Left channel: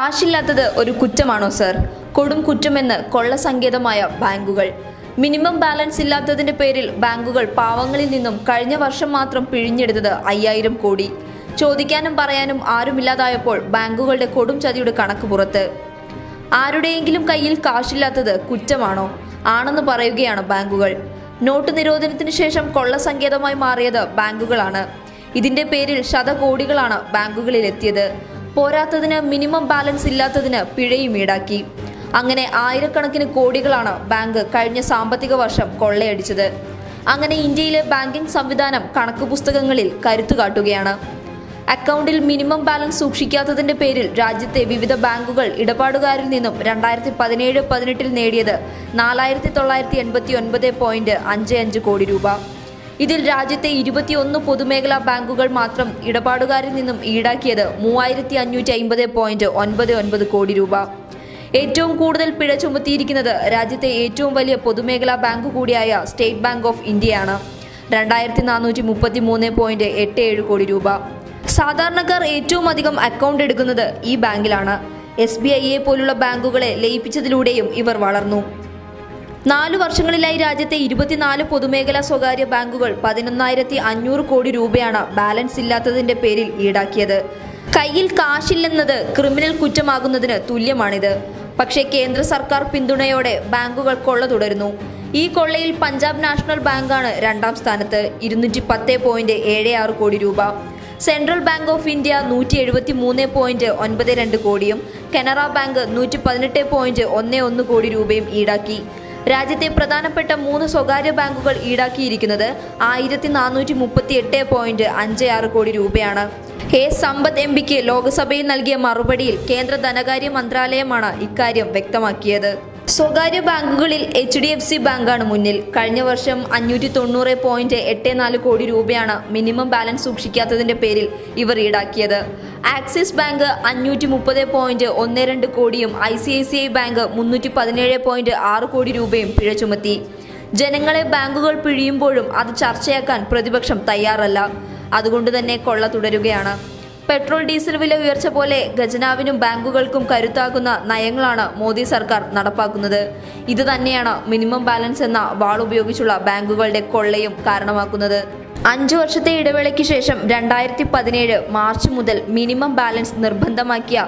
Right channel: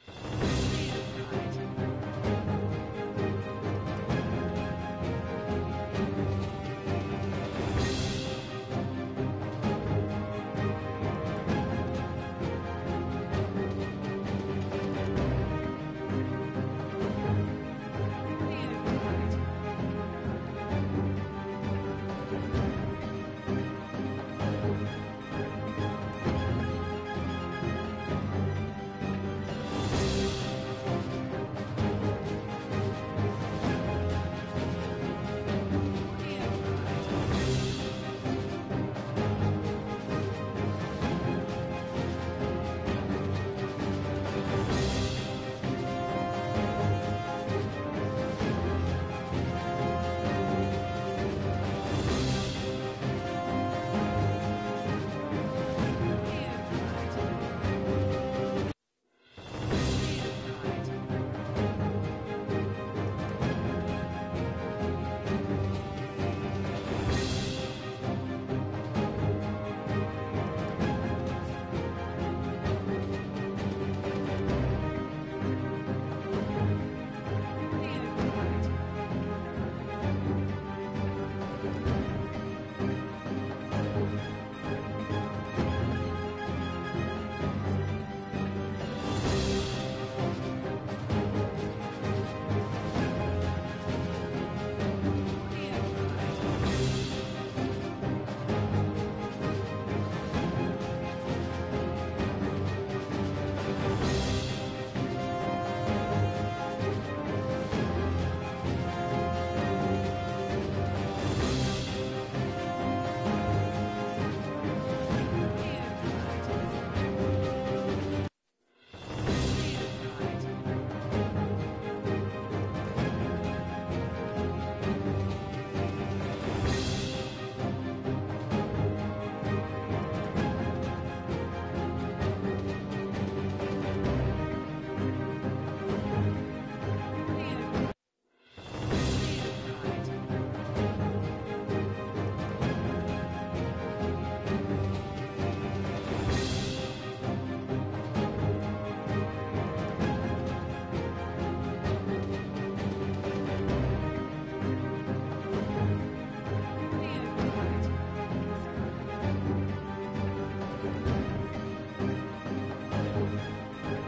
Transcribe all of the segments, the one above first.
കാശില്ലാത്തത് ഒരു കുറ്റമാണോ സർ? കൊടും കുറ്റമെന്ന് കൊള്ളസങ്കേതമായ ബാങ്കുകൾ. മിനിമം ബാലൻസ് ഇല്ലാത്തതിന്റെ പേരിൽ ബാങ്കുകൾ പാവങ്ങളിൽ നിന്നും കഴിഞ്ഞ വർഷം മാത്രം പിഴിഞ്ഞെടുത്തത് 5000 കോടി. ചോദിക്കാനും പറയാനും ആരുമില്ലാതായപ്പോൾ ബാങ്കുകളുടെ കൊടും ചതിയുടെ കണക്ക് പുറത്ത്. ആരുടെയെങ്കിലും കയ്യിൽ കാശില്ലാത്തത് കുറ്റമാണോ? ആണെന്ന് പറയുകയാണ് ബാങ്കുകൾ. നോട്ട് നിരോധനത്തിന് ശേഷം കൊള്ളസങ്കേതമായി മാറിയത് ബാങ്കുകളാണ്. ഇതിന്റെ പേരിൽ ശതകോടികളാണ് ബാങ്കുകളിൽ എത്തിയത്. പോരാത്തതിന് മിനിമം ബാലൻസ് ഇല്ലാത്തതിന് പിഴയും ഈടാക്കി. അങ്ങനെ ആയിരക്കണക്കിന് കോടികളാണ് ബാങ്ക് കഴിഞ്ഞ സാമ്പത്തിക വർഷം കൊള്ളയടിച്ചത്. അങ്ങനെ ഇന്ത്യയിലെ ബാങ്കിംഗ് സംവിധാനം കണക്ക് പുസ്തകങ്ങളിൽ കരുത്തു കാട്ടുകയാണ്. അക്കൗണ്ടിൽ മിനിമം ബാലൻസ് സൂക്ഷിക്കാത്തതിന്റെ പേരിൽ രാജ്യത്തെ വിവിധ ബാങ്കുകൾ ഇടപാടുകാരിൽ നിന്നും 2017-18 നേടിയത് 4989.55 കോടി രൂപ. ഇതിൽ രാജ്യത്തെ 21 പൊതുമേഖലാ ബാങ്കുകൾ മാത്രം ഇടപാടുകാരിൽ നിന്നും ഈടാക്കിയത് 3550.99 കോടി രൂപ. ഏറ്റവും കൂടുതൽ പിഴ ചുമത്തിയിരിക്കുന്നത് രാജ്യത്തെ ഏറ്റവും വലിയ പൊതുമേഖലാ ബാങ്ക് കൂടിയായ സ്റ്റേറ്റ് ബാങ്ക് ഓഫ് ഇന്ത്യയാണ്. 2433.87 കോടി രൂപ. സാധാരണക്കാർ ഏറ്റവും അധികം അക്കൗണ്ട് എടുക്കുന്നത് ഈ ബാങ്കിലാണ്. SBIയെ പോലുള്ള ബാങ്കുകളെ ലയിപ്പിച്ചതിലൂടെയും ഇവർ വളർന്നു. 4 വർഷങ്ങളിലായി രാജ്യത്തെ 24 പൊതുമേഖലാ സ്വകാര്യ ബാങ്കുകൾ 11,500 കോടി രൂപയാണ് ബാലൻസ് ഇല്ലാത്തതിന്റെ പേരിൽ ഈടാക്കിയത്. കയ്യിൽ കാശില്ലെന്നത് ക്രിമിനൽ കുറ്റമാകുന്നതിന് തുല്യമാണിത്. പക്ഷേ കേന്ദ്ര സർക്കാർ പിന്തുണയോടെ ബാങ്കുകൾ കൊള്ള തുടരുന്നു. ഈ കൊള്ളയിൽ പഞ്ചാബ് നാഷണൽ ബാങ്കാണ് 2ാം സ്ഥാനത്ത്, 210.76 കോടി രൂപ. സെൻട്രൽ ബാങ്ക് ഓഫ് ഇന്ത്യ 173.92 കോടിയും കനറ ബാങ്ക് 118.11 കോടി രൂപയും ഈടാക്കി. രാജ്യത്തെ പ്രധാനപ്പെട്ട 3 സ്വകാര്യ ബാങ്കുകൾ ഈടാക്കിയിരിക്കുന്നത് 1438.56 കോടി രൂപയാണ്. സമ്പത്ത് MPക്ക് ലോക്സഭയിൽ നൽകിയ മറുപടിയിൽ കേന്ദ്ര ധനകാര്യ മന്ത്രാലയമാണ് ഇക്കാര്യം വ്യക്തമാക്കിയത്. സ്വകാര്യ ബാങ്കുകളിൽ HDFC ബാങ്കാണ് മുന്നിൽ. കഴിഞ്ഞ വർഷം 590.84 കോടി രൂപയാണ് മിനിമം ബാലൻസ് സൂക്ഷിക്കാത്തതിന്റെ പേരിൽ ഇവർ ഈടാക്കിയത്. ആക്സിസ് ബാങ്ക് 530.12 കോടിയും ICICI ബാങ്ക് 317.6 കോടി രൂപയും പിഴ ചുമത്തി. ജനങ്ങളെ ബാങ്കുകൾ പിഴിയുമ്പോഴും അത് ചർച്ചയാക്കാൻ പ്രതിപക്ഷം തയ്യാറല്ല. അതുകൊണ്ട് തന്നെ കൊള്ള തുടരുകയാണ്. പെട്രോൾ ഡീസൽ വില ഉയർച്ച പോലെ ഖജനാവിനും ബാങ്കുകൾക്കും കരുത്താക്കുന്ന നയങ്ങളാണ് മോദി സർക്കാർ നടപ്പാക്കുന്നത്. ഇത് തന്നെയാണ് മിനിമം ബാലൻസ് എന്ന വാളുപയോഗിച്ചുള്ള ബാങ്കുകളുടെ കൊള്ളയും കാരണമാക്കുന്നത്. 5 വർഷത്തെ ഇടവേളയ്ക്ക് ശേഷം 2017 മാർച്ച് മുതൽ മിനിമം ബാലൻസ് നിർബന്ധമാക്കിയ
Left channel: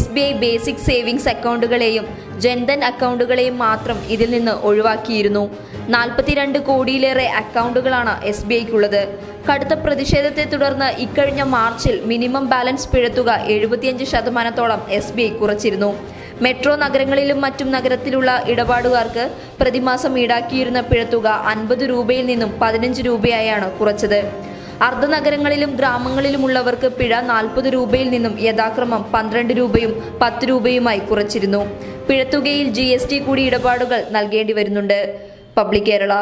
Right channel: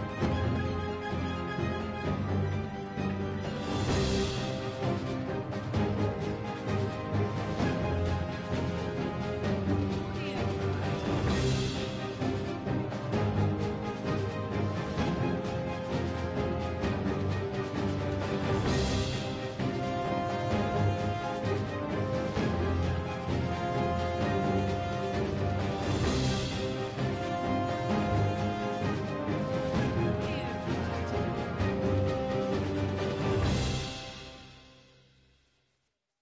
SBI ബേസിക് സേവിങ്സ് അക്കൗണ്ടുകളെയും ജൻധൻ അക്കൗണ്ടുകളെയും മാത്രം ഇതിൽ നിന്ന് ഒഴിവാക്കിയിരുന്നു. 42 കോടിയിലേറെ അക്കൗണ്ടുകളാണ് SBIക്കുള്ളത്. കടുത്ത പ്രതിഷേധത്തെ തുടർന്ന് ഇക്കഴിഞ്ഞ മാർച്ചിൽ മിനിമം ബാലൻസ് പിഴത്തുക 75% SBI കുറച്ചിരുന്നു. മെട്രോ നഗരങ്ങളിലും മറ്റും നഗരത്തിലുള്ള ഇടപാടുകാർക്ക് പ്രതിമാസം ഈടാക്കിയിരുന്ന പിഴത്തുക 50 രൂപയിൽ നിന്നും 15 രൂപയായാണ് കുറച്ചത്. അർദ്ധനഗരങ്ങളിലും ഗ്രാമങ്ങളിലുമുള്ളവർക്ക് പിഴ 40 രൂപയിൽ നിന്നും യഥാക്രമം 12 രൂപയും 10 രൂപയുമായി കുറച്ചിരുന്നു. പിഴത്തുകയിൽ GST കൂടി ഇടപാടുകൾ നൽകേണ്ടി വരുന്നുണ്ട്. പബ്ലിക് കേരള.